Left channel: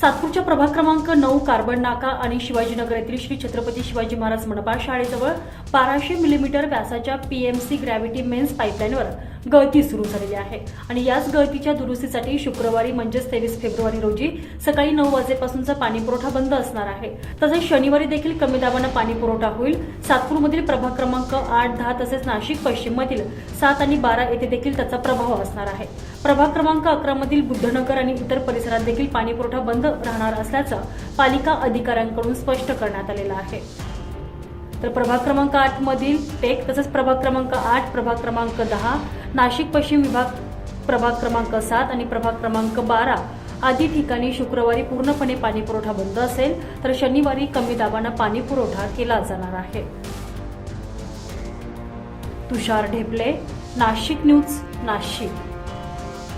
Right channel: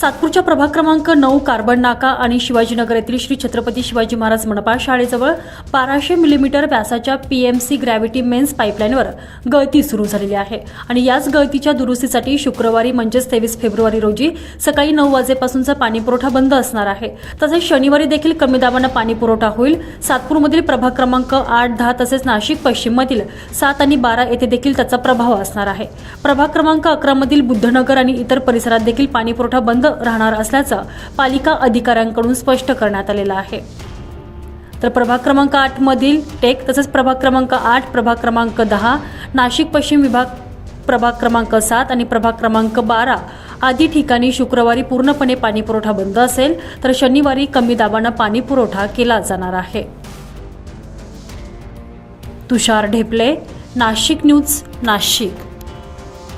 सातपूरच्या प्रभाग क्रमांक नऊ कार्बन नाका आणि शिवाजीनगर येथील श्री छत्रपती शिवाजी महाराज मनपा शाळेजवळ बाराशे मिलीमीटर व्यासाच्या पीएमसी ग्रॅव्हिटी मेन्स पाईपलाईनवर गळती सुरू झालेली आहे. आणि याच गळतीच्या दुरुस्तीसाठी शुक्रवारी म्हणजेच तेवीस फेब्रुवारी रोजी सकाळी नऊ वाजेपासूनचा पाणीपुरवठा बंद असणार आहे. तसेच शनिवारी देखील कमी दाबानं पाणीपुरवठा होईल. सातपूरमधील प्रभाग क्रमांक आठ दहा तसेच नाशिक पश्चिममधील सात आणि बारा येथे देखील त्याचा प्रभाव असणार आहे. प्रभाग क्रमांक अकरामधील बुद्धनगर आणि इतर परिसरात देखील पाणीपुरवठा बंद राहणार असल्याचं पालिका अधिकाऱ्यांकडून स्पष्ट करण्यात आलेलं आहे. तर प्रभाग क्रमांक आठमधील टेक तसंच प्रभाग क्रमांक आठ प्रभाग क्रमांक दहा नाशिक पश्चिम विभाग प्रभाग क्रमांक सात आणि प्रभाग क्रमांक बारा आदी ठिकाणी शुक्रवारी पूर्णपणे पाणीपुरवठा बंद असेल तर शनिवारी कमी दाबानं पाणीपुरवठा केला जाणार आहे. तुषार ढेपले नाशिक न्यूज नाशिक.